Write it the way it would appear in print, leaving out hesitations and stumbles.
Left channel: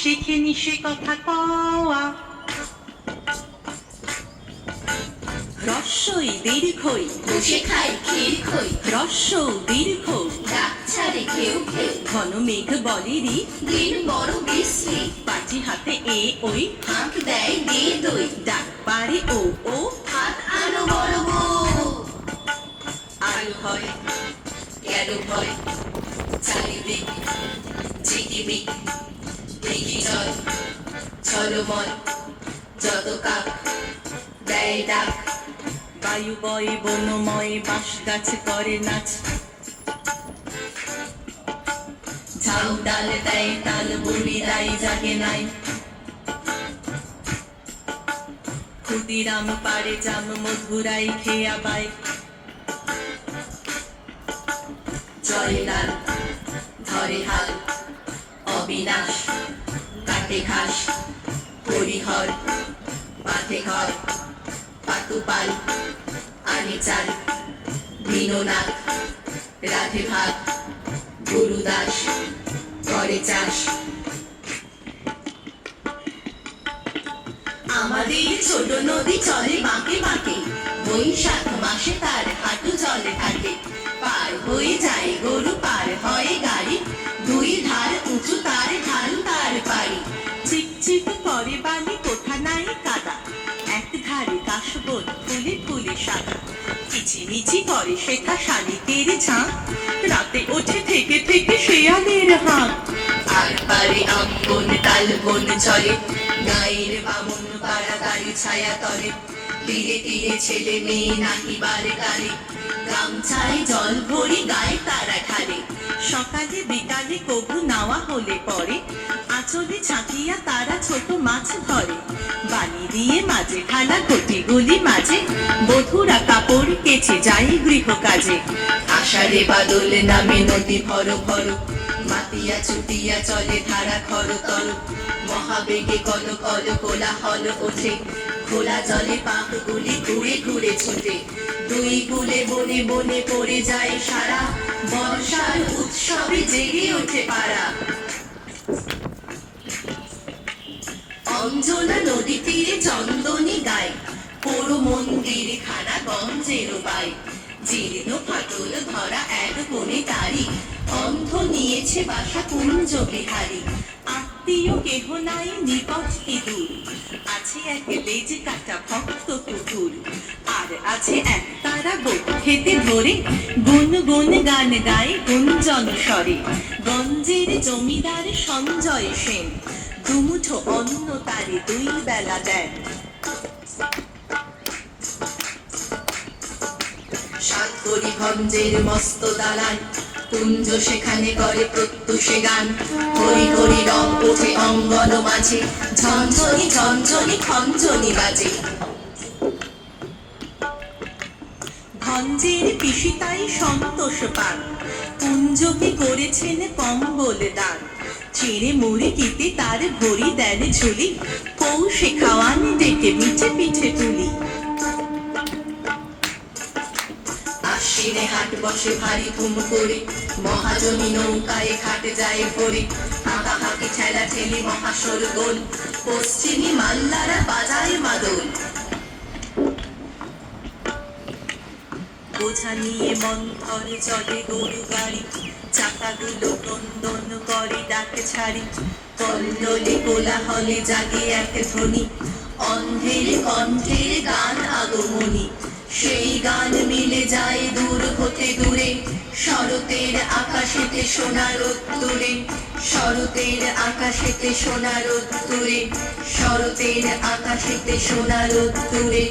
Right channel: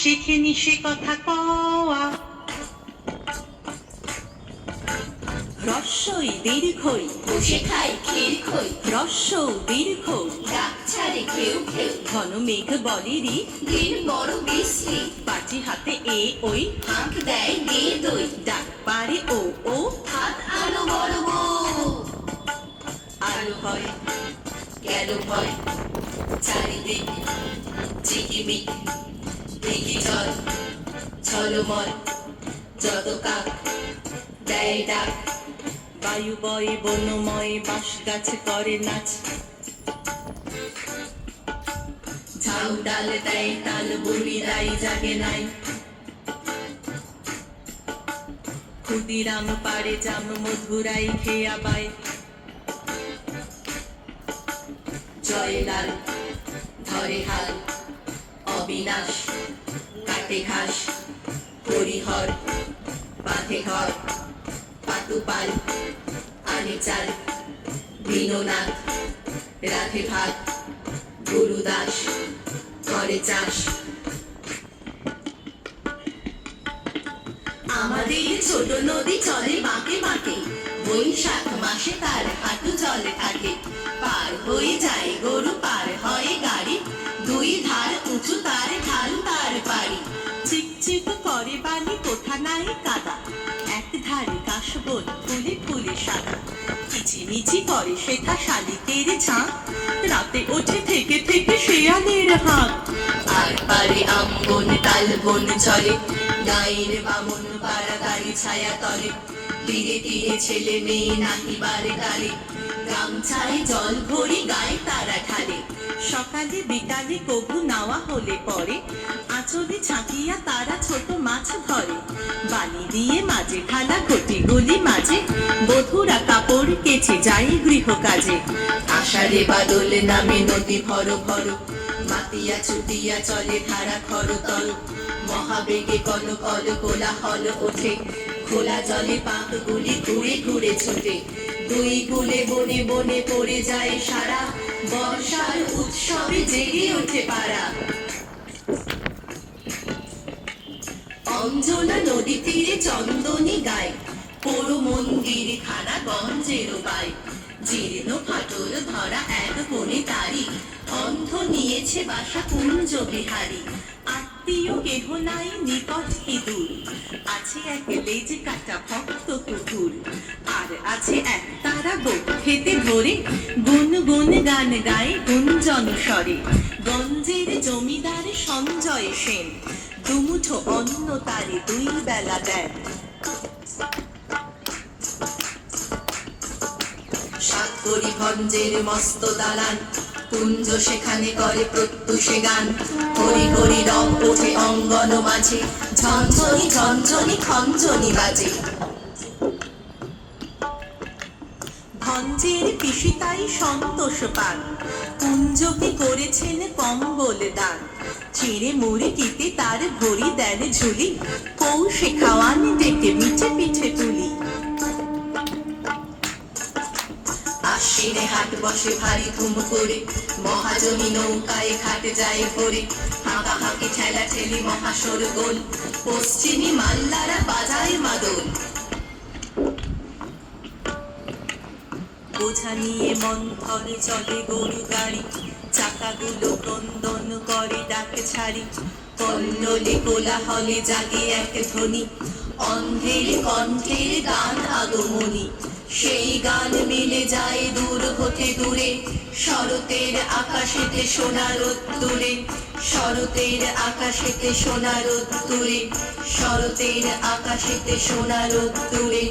শিখিনি সে কথা কওয়া। রস্যই দীর্ঘই বসে খাই ক্ষীর খই, রস্য দীর্ঘ ডাক ছাড়ে ঘেউ ঘেউ, ঘন মেঘ বলেরি দিন বড় বিশ্রী, পাটি হাতে এ ওই হাঁক দেয় গে দই, ডাক পারে ও ও হাত আনো বড় বউ। আলো হয় গেল ভয় চারিদিক ঝিকিমিক, দেখি জল ছলমল, যত কাক দেয় ডাক, বায়ু বয়ে বনময় বাঁশ গাছ করে নাচ। ঝাউ ডাল দেয় তাল বলিরাই জাগে নাই, ক্ষুদিরাম পারে জাম মধুরাই খেয়া বাই। জয়লাল ধরে হাল অবিনাশ, কাটে ঘাস হরিহর, পাথে ঘর পাতুপাল, আনি চাল দীননাথ, রাধে ভাত গুরুদাস, করে চাষ। আমাদের ছোট নদী চলে বাঁকে বাঁকে, বৈশাখ মাসে তার হাঁটু জলে থাকে, পার হয়ে যায় গরু পার হয় গাড়ি, দুই ধার উঁচু তার ঢালু তার বাড়ি। চিকচিক করে বালি কোঠা নাই কাদা, এক ধারে কাশবন ফুলে ফুলে সাদা। কিচিমিচি করে শেখা শালিকের ঝাঁক, রাতে ওঠে থেকে থেকে শেয়ালের হাঁক। আর পারে আম্বন তাল বন চলে, গায়ের বামন পাড়া গাড়ি ছায়া তলে, তীরে তীরে ছেলে মেয়ে নাকি বারে গালে, গামছায় জল ভরি গায়ে তারা ঢালে। সকালে বিকালে কবু নাওয়া হলে পরে, আঁচলে ছাঁকিয়া তারা ছোট মাছ ধরে। বালি দিয়ে মাঝে ঢালা কটিগুলি মাঝে, বধুরা কাপড় কেচে যায় গৃহ কাজে। আষাঢ়ে বাদল নামে নদী ভর ভর, মাতিয়া ছুটিয়া চলে ধারা খর তর, মহাবেগে কল কল কোলাহল ওঠে, খোলা জলে পাকগুলি ঘুরে ঘুরে ছোটে, দুই কুলে বনে বনে পড়ে যায় সারা, বর্ষার উৎসবে জেগে ওঠে পাড়া। অঞ্জনা নদী তীরে চন্দনী গায়, পোড়ো মন্দির খানা গঞ্জের বাই, জীর্ণ ফাটল ধরা এক কোণে তারি, অন্ধ নিয়েছে বাসা কুঞ্জ বিহারী। আত্মীয় কেহ নাই নিকট কি দূর, আছে এক লেজ কাটা ভক্ত কুকুর। আর আছে এক তারা বোট খেতে ধরে, গুন গুন গান গায় গুঞ্জন স্বরে। গঞ্জের জমিদার সঞ্জয় সেন, দুমুঠো অন্ন তারে দুই বেলা দেন। সাতকড়িগঞ্জের মস্ত দালান, কুঞ্জ সেখানে করে প্রত্যুষে গান, হরি হরি রং ওঠে অঙ্গন মাঝে, ঝঞ্ঝনি ঝঞ্ঝনি খঞ্জনি বাজে। ভঞ্জের পিসিতাই সন্তোষ পান, কুঞ্জকে করেছেন কম্বল দান। চিড়ে মুড়ি কিতে তার ভরি দেন ঝুলি, পৌষে খাওয়ান ডেকে মিঠে পিঠে তুলি। আশ্বিনে হাট বসে ভারী ধুম করে, মহাজনী নৌকায় ঘাটে যায় ভরে, হাঁকা হাঁকি ঠেলা ঠেলি মহাসরগোল, পশ্চিমী মাল্লারা বাজায় মাদল। বোঝা নিয়ে মন্থরে চলে গরু গাড়ি, চাকাগুলো ক্রন্দন করে ডাকে ছাড়ি। কল্লোলে কোলাহলে জাগে এক ধ্বনি, অন্ধের কণ্ঠের গান আগমনী, সেই গান মিলে যায় দূর হতে দূরে, শরতের আকাশেতে সোনা রোদ্দুরে, শরতের আকাশেতে সোনা রোদ্দুরে, শরতের আকাশেতে সোনা রোদ্দুরে।